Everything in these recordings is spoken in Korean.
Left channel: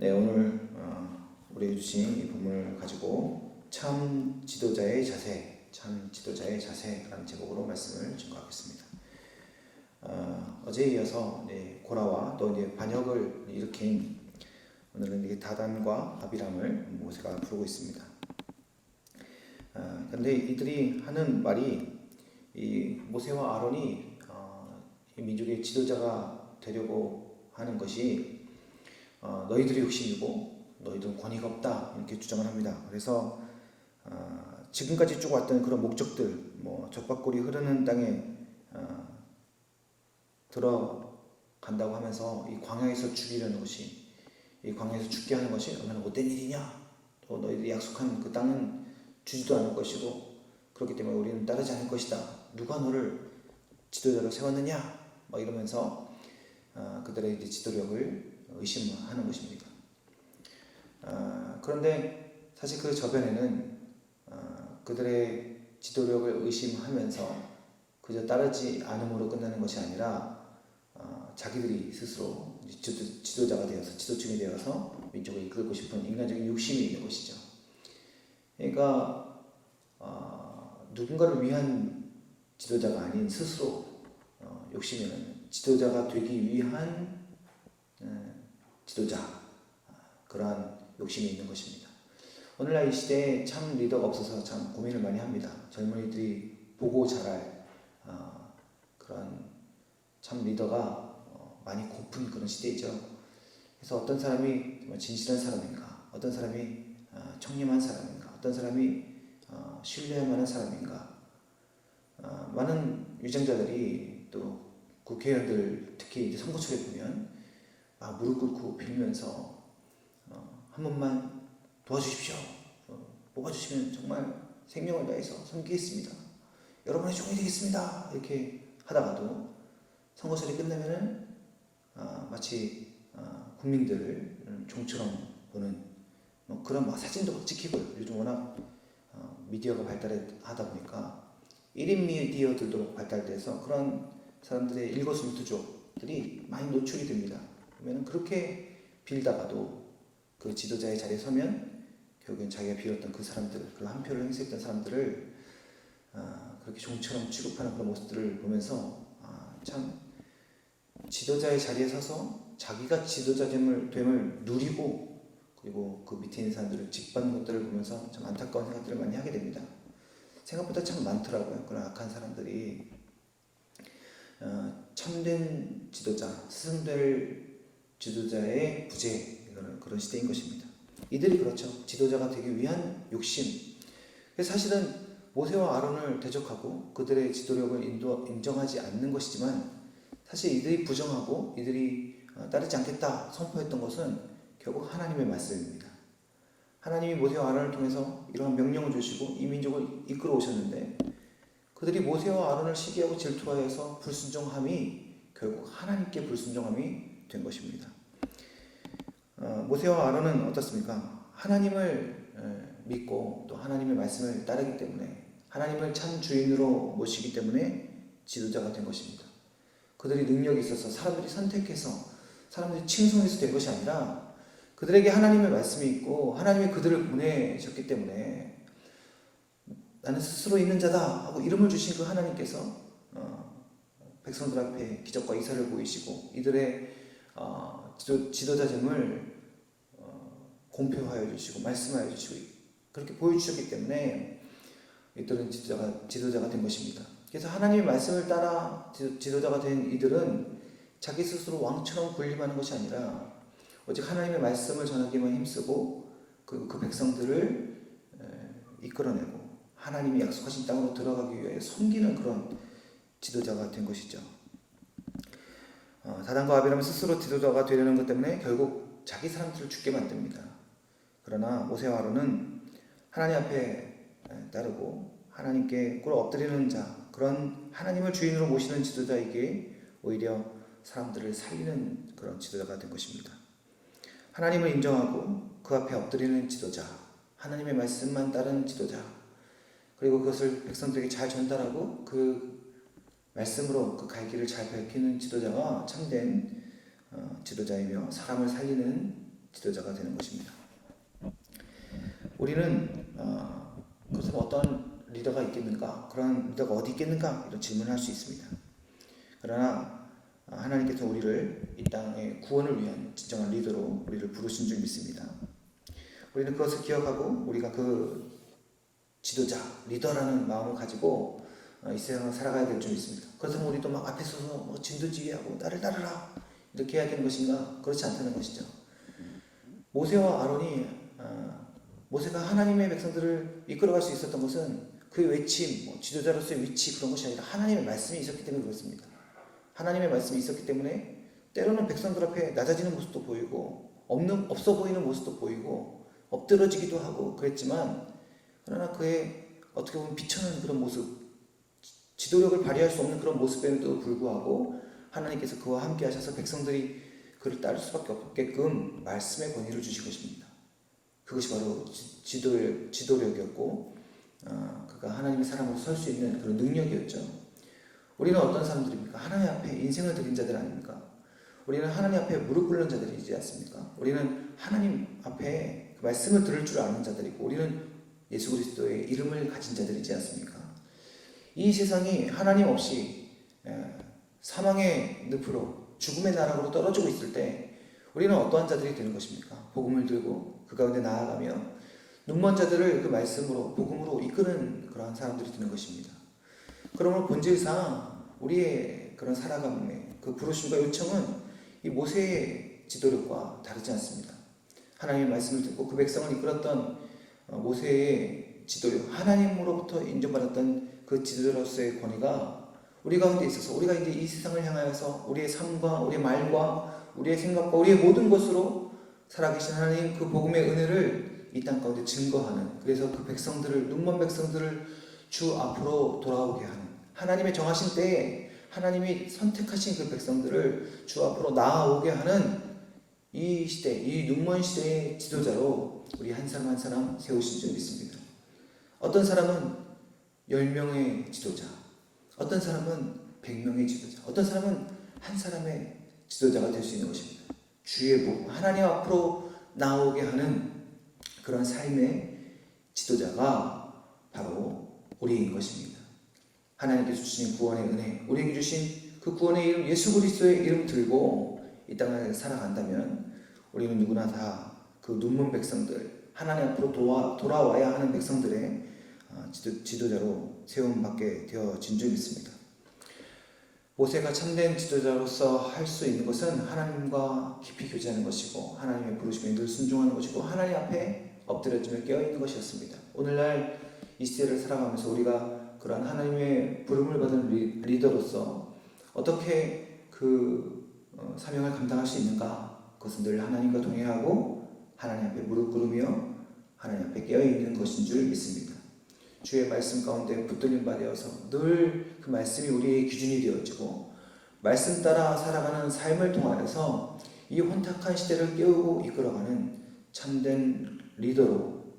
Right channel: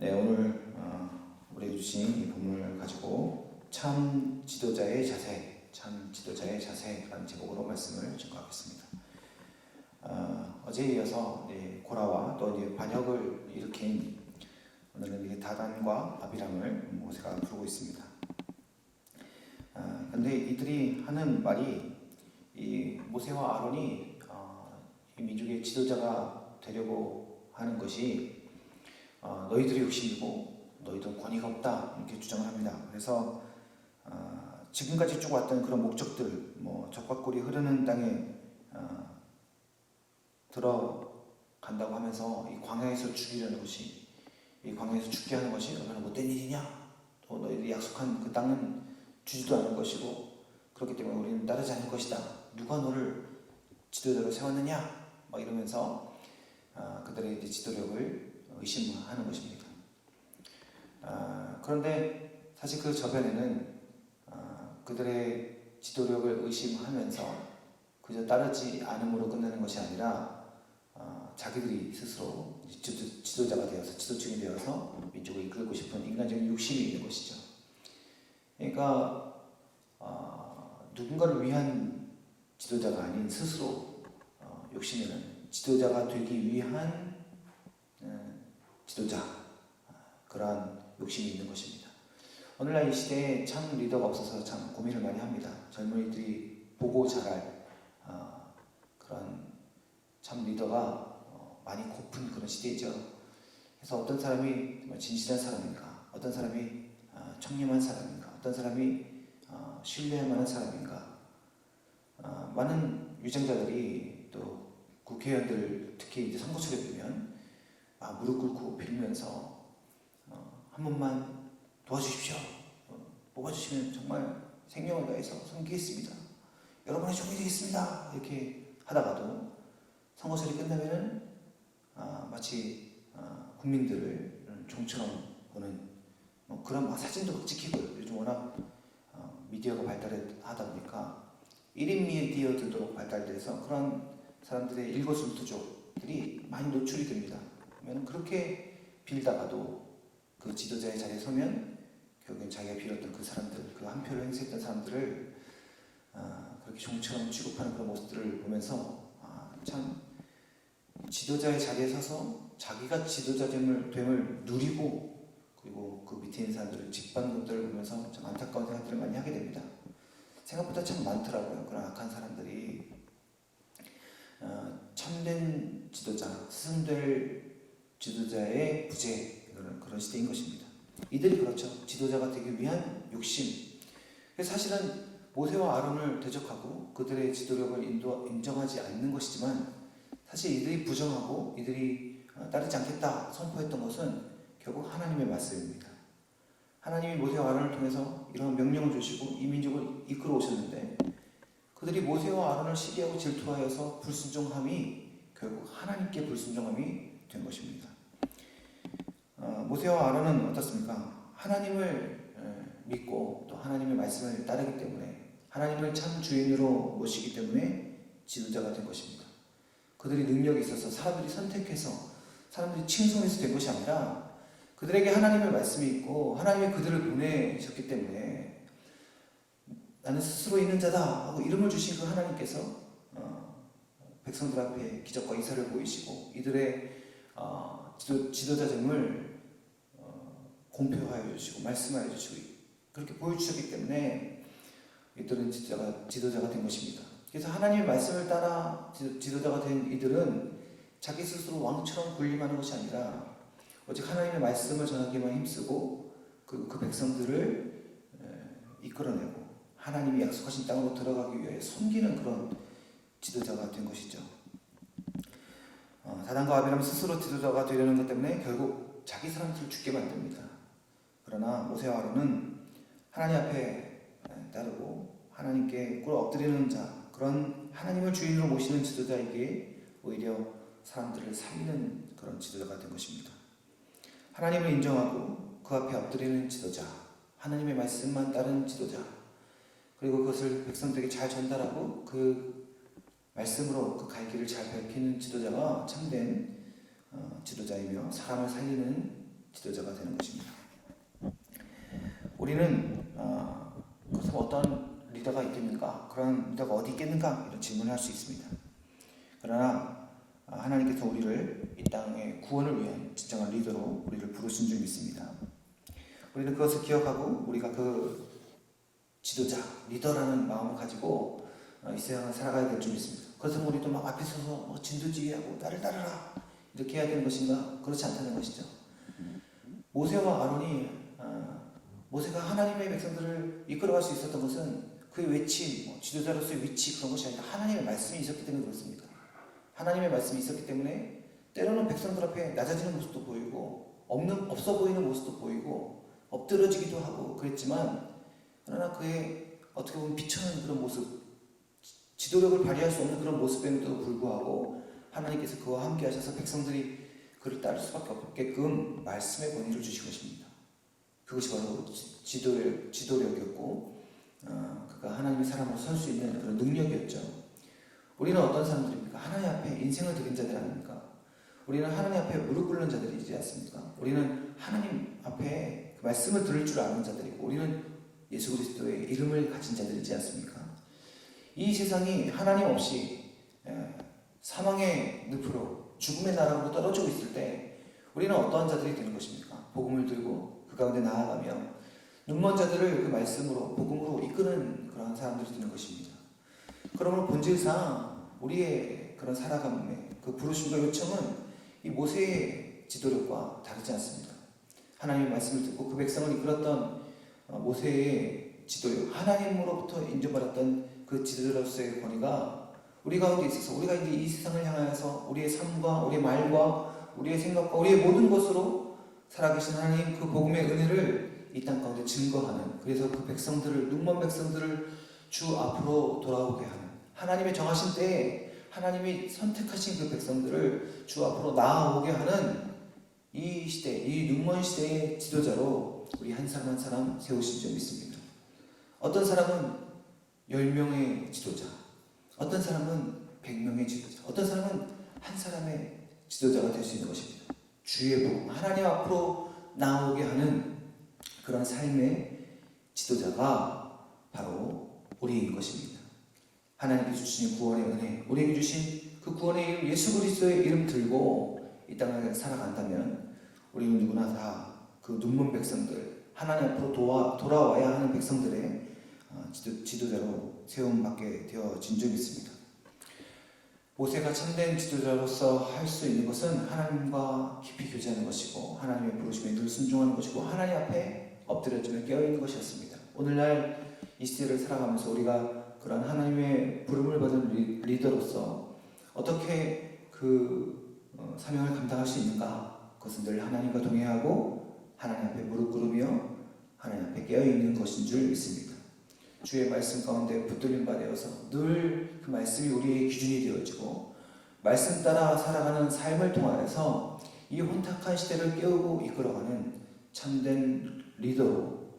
네, 오늘 우리에게 주신 이 본문을 가지고 참 지도자의 자세라는 제목으로 말씀을 증거하겠습니다. 어제에 이어서 고라와 또 이제 반역을 일으킨 오늘은 이제 다단과 아비람을 모세가 부르고 있습니다. 근데 이들이 하는 말이 이 모세와 아론이 이 민족의 지도자가 되려고 하는 것이 너희들이 욕심이고 너희들은 권위가 없다 이렇게 주장을 합니다. 그래서 지금까지 쭉 왔던 그런 목적들, 적과 꿀이 흐르는 땅에 들어간다고 하면서 이 광야에서 죽이려는 것이, 이 광야에서 죽게 하는 것이 얼마나 못된 일이냐, 또 너희들이 약속한 그 땅은 주지도 않을 것이고 그렇기 때문에 우리는 따르지 않을 것이다. 누가 너를 지도자로 세웠느냐, 이러면서 그들의 이제 지도력을 의심하는 것입니다. 그런데 사실 그 저변에는 그들의 지도력을 의심하면서 그저 따르지 않음으로 끝나는 것이 아니라 자기들이 스스로 지도자가 되어서, 지도층이 되어서 민족을 이끌고 싶은 인간적인 욕심이 있는 것이죠. 그러니까 누군가를 위한 지도자가 아닌 스스로 욕심에는 지도자가 되기 위한 지도자, 그러한 욕심이 있는 것입니다. 오늘날 이 시대에 참 리더가 없어서 참 고민을 많이 합니다. 젊은이들이 보고 자랄 그런 참 리더가 많이 고픈 그런 시대이죠. 그래서 어떤 사람이 정말 진실한 사람인가, 어떤 사람이 청렴한 사람인가, 어떤 사람이 신뢰할 만한 사람인가, 많은 위장자들이 또 국회의원들 특히 이제 선거철에 보면 무릎 꿇고 빌면서 한 번만 도와주십시오. 뽑아주시면 정말 생명을 다해서 섬기겠습니다. 여러분의 종이 되겠습니다. 이렇게 하다가도 선거철이 끝나면은 마치 국민들을 종처럼 보는 그런 사진도 막 찍히고요. 요즘 워낙 미디어가 발달하다 보니까 1인 미디어들도 발달돼서 그런 사람들의 일거수일투족들이 많이 노출이 됩니다. 그러면 그렇게 빌다가도 그 지도자의 자리에 서면 결국엔 자기가 빌었던 그 사람들, 그 한 표를 행사했던 사람들을 그렇게 종처럼 취급하는 그런 모습들을 보면서 참 지도자의 자리에 서서 자기가 지도자됨을 누리고 그리고 그 밑에 있는 사람들을 짓밟는 것들을 보면서 참 안타까운 생각들을 많이 하게 됩니다. 생각보다 참 많더라고요. 그런 악한 사람들이 참된 지도자, 스승될 지도자의 부재, 그런 시대인 것입니다. 이들이 그렇죠. 지도자가 되기 위한 욕심. 그래서 사실은 모세와 아론을 대적하고 그들의 지도력을 인정하지 않는 것이지만 사실 이들이 부정하고 이들이 따르지 않겠다 선포했던 것은 결국 하나님의 말씀입니다. 하나님이 모세와 아론을 통해서 이러한 명령을 주시고 이 민족을 이끌어 오셨는데 그들이 모세와 아론을 시기하고 질투하여서 불순종함이 결국 하나님께 불순종함이 된 것입니다. 모세와 아론은 어떻습니까? 하나님을 믿고 또 하나님의 말씀을 따르기 때문에, 하나님을 참 주인으로 모시기 때문에 지도자가 된 것입니다. 그들이 능력이 있어서 사람들이 선택해서 사람들이 칭송해서 된 것이 아니라 그들에게 하나님의 말씀이 있고 하나님이 그들을 보내셨기 때문에 나는 스스로 있는 자다 하고 이름을 주신 그 하나님께서 백성들 앞에 기적과 이사를 보이시고 이들의 지도자됨을 공표하여 주시고 말씀하여 주시고 그렇게 보여주셨기 때문에 이들은 지도자가 된 것입니다. 그래서 하나님의 말씀을 따라 지도자가 된 이들은 자기 스스로 왕처럼 군림하는 것이 아니라 오직 하나님의 말씀을 전하기만 힘쓰고 그 백성들을 이끌어내고 하나님이 약속하신 땅으로 들어가기 위해 섬기는 그런 지도자가 된 것이죠. 다단과 아비람은 스스로 지도자가 되려는 것 때문에 결국 자기 사람들을 죽게 만듭니다. 그러나 모세와 아론은 하나님 앞에 따르고 하나님께 꿇어 엎드리는 자, 그런 하나님을 주인으로 모시는 지도자에게 오히려 사람들을 살리는 그런 지도자가 된 것입니다. 하나님을 인정하고 그 앞에 엎드리는 지도자, 하나님의 말씀만 따르는 지도자, 그리고 그것을 백성들에게 잘 전달하고 그 말씀으로 그 갈 길을 잘 밝히는 지도자가 참된 지도자이며 사람을 살리는 지도자가 되는 것입니다. 우리는 그렇다면 어떤 리더가 있겠는가? 그런 리더가 어디 있겠는가? 이런 질문을 할 수 있습니다. 그러나 하나님께서 우리를 이 땅의 구원을 위한 진정한 리더로 우리를 부르신 줄 믿습니다. 우리는 그것을 기억하고 우리가 그 지도자, 리더라는 마음을 가지고 이 세상을 살아가야 될 줄 믿습니다. 그렇다면 우리도 막 앞에 서서 진두지휘하고 나를 따르라 이렇게 해야 되는 것인가? 그렇지 않다는 것이죠. 모세와 아론이 모세가 하나님의 백성들을 이끌어갈 수 있었던 것은 그의 외침, 지도자로서의 위치 그런 것이 아니라 하나님의 말씀이 있었기 때문에 그렇습니다. 하나님의 말씀이 있었기 때문에 때로는 백성들 앞에 낮아지는 모습도 보이고 없어 보이는 모습도 보이고 엎드러지기도 하고 그랬지만 그러나 그의 어떻게 보면 비천한 그런 모습, 지도력을 발휘할 수 없는 그런 모습에도 불구하고 하나님께서 그와 함께 하셔서 백성들이 그를 따를 수밖에 없게끔 말씀의 권위를 주신 것입니다. 그것이 바로 지도력이었고 그가 하나님의 사람으로 설 수 있는 그런 능력이었죠. 우리는 어떤 사람들입니까? 하나님 앞에 인생을 드린 자들 아닙니까? 우리는 하나님 앞에 무릎 꿇는 자들이지 않습니까? 우리는 하나님 앞에 그 말씀을 들을 줄 아는 자들이고 우리는 예수 그리스도의 이름을 가진 자들이지 않습니까? 이 세상이 하나님 없이 사망의 늪으로 죽음의 나락으로 떨어지고 있을 때 우리는 어떠한 자들이 되는 것입니까? 복음을 들고 그 가운데 나아가며 눈먼 자들을 그 말씀으로 복음으로 이끄는 그런 사람들이 되는 것입니다. 그러면 본질상 우리의 그런 살아감의 그 부르심과 요청은 이 모세의 지도력과 다르지 않습니다. 하나님의 말씀을 듣고 그 백성을 이끌었던 모세의 지도력, 하나님으로부터 인정받았던 그 지도자로서의 권위가 우리 가운데 있어서 우리가 이제 이 세상을 향하여서 우리의 삶과 우리의 말과 우리의 생각과 우리의 모든 것으로 살아계신 하나님 그 복음의 은혜를 이 땅 가운데 증거하는, 그래서 그 백성들을, 눈먼 백성들을 주 앞으로 돌아오게 하는, 하나님의 정하신 때에 하나님이 선택하신 그 백성들을 주 앞으로 나아오게 하는 이 시대, 이 눈먼 시대의 지도자로 우리 한 사람 한 사람 세우신 줄 믿습니다. 어떤 사람은 10명의 지도자, 어떤 사람은 100명의 지도자, 어떤 사람은 한 사람의 지도자가 될 수 있는 것입니다. 주의 복, 하나님 앞으로 나오게 하는 그런 삶의 지도자가 바로 우리인 것입니다. 하나님께서 주신 구원의 은혜, 우리에게 주신 그 구원의 이름 예수 그리스도의 이름 들고 이 땅을 살아간다면 우리는 누구나 다 그 눈먼 백성들, 하나님 앞으로 돌아와야 하는 백성들의 지도자로 세움받게 되어진 줄 믿습니다. 모세가 참된 지도자로서 할 수 있는 것은 하나님과 깊이 교제하는 것이고 하나님의 부르심에 늘 순종하는 것이고 하나님 앞에 엎드려지며 깨어있는 것이었습니다. 오늘날 이 시대를 살아가면서 우리가 그런 하나님의 부름을 받은 리더로서 어떻게 그 사명을 감당할 수 있는가? 그것은 늘 하나님과 동행하고 하나님 앞에 무릎 꿇으며 하나님 앞에 깨어있는 것인 줄 믿습니다. 주의 말씀 가운데 붙들림 받아서 늘 그 말씀이 우리의 기준이 되어지고 말씀 따라 살아가는 삶을 통하여서 이 혼탁한 시대를 깨우고 이끌어가는 참된 리더로,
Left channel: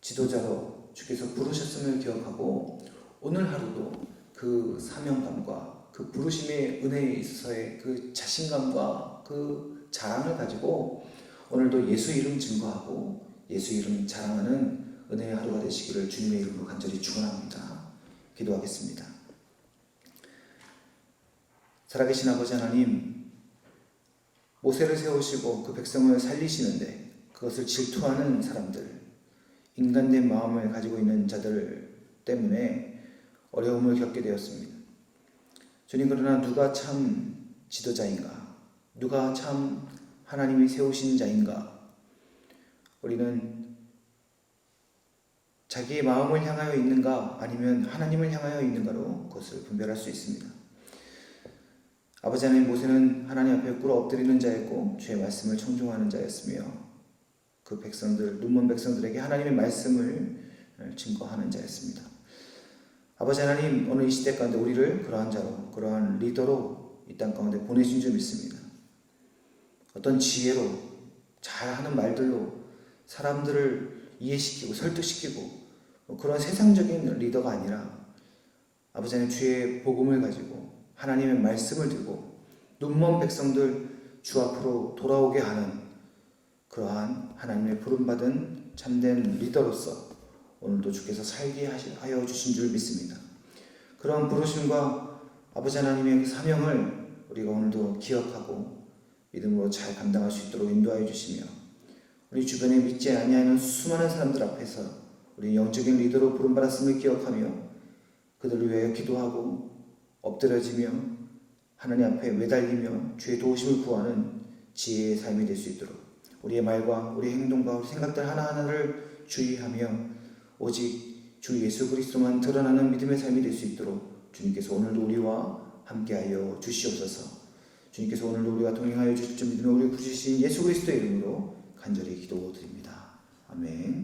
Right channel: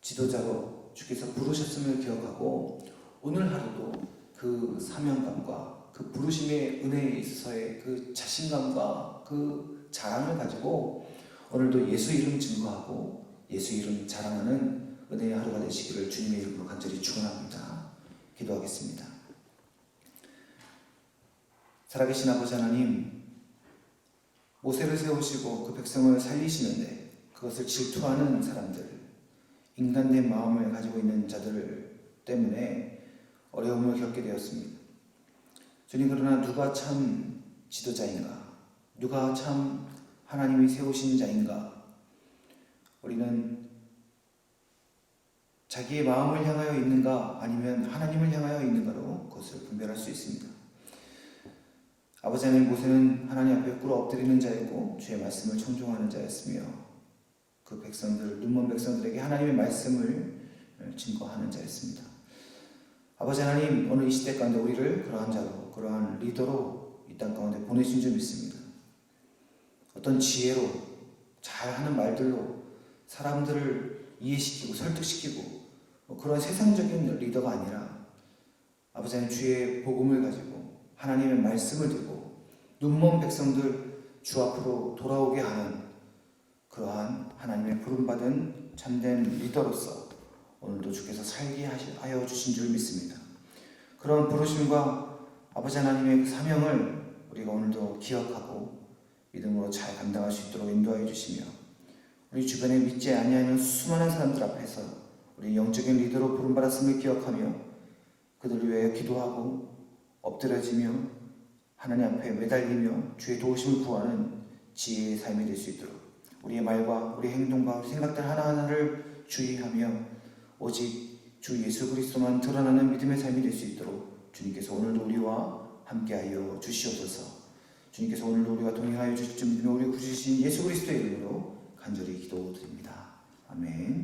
지도자로 주께서 부르셨음을 기억하고 오늘 하루도 그 사명감과 그 부르심의 은혜에 있어서의 그 자신감과 그 자랑을 가지고 오늘도 예수 이름 증거하고 예수 이름 자랑하는 은혜의 하루가 되시기를 주님의 이름으로 간절히 축원합니다. 기도하겠습니다. 살아계신 아버지 하나님, 모세를 세우시고 그 백성을 살리시는데 그것을 질투하는 사람들, 인간된 마음을 가지고 있는 자들 때문에 어려움을 겪게 되었습니다. 주님, 그러나 누가 참 지도자인가? 누가 참 하나님이 세우신 자인가? 우리는 자기의 마음을 향하여 있는가 아니면 하나님을 향하여 있는가로 그것을 분별할 수 있습니다. 아버지 하나님, 모세는 하나님 앞에 꿇어 엎드리는 자였고 주의 말씀을 청종하는 자였으며 그 백성들, 눈먼 백성들에게 하나님의 말씀을 증거하는 자였습니다. 아버지 하나님, 오늘 이 시대 가운데 우리를 그러한 자로, 그러한 리더로 이 땅 가운데 보내신 줄 믿습니다. 어떤 지혜로, 잘하는 말들로 사람들을 이해시키고 설득시키고 그런 세상적인 리더가 아니라 아버지 하나님, 주의 복음을 가지고 하나님의 말씀을 들고 눈먼 백성들 주 앞으로 돌아오게 하는 그러한 하나님의 부름받은 참된 리더로서 오늘도 주께서 살게 하여 주신 줄 믿습니다. 그런 부르심과 아버지 하나님의 그 사명을 우리가 오늘도 기억하고 믿음으로 잘 감당할 수 있도록 인도하여 주시며, 우리 주변에 믿지 아니하는 수많은 사람들 앞에서 우리 영적인 리더로 부름받았음을 기억하며 그들을 위하여 기도하고 엎드려지며 하나님 앞에 매달리며 주의 도우심을 구하는 지혜의 삶이 될 수 있도록 우리의 말과 우리의 행동과 우리 생각들 하나하나를 주의하며 오직 주 예수 그리스도만 드러나는 믿음의 삶이 될 수 있도록 주님께서 오늘도 우리와 함께하여 주시옵소서. 주님께서 오늘도 우리와 동행하여 주실 줄 믿으며 우리 구주신 예수 그리스도의 이름으로 간절히 기도드립니다. 아멘.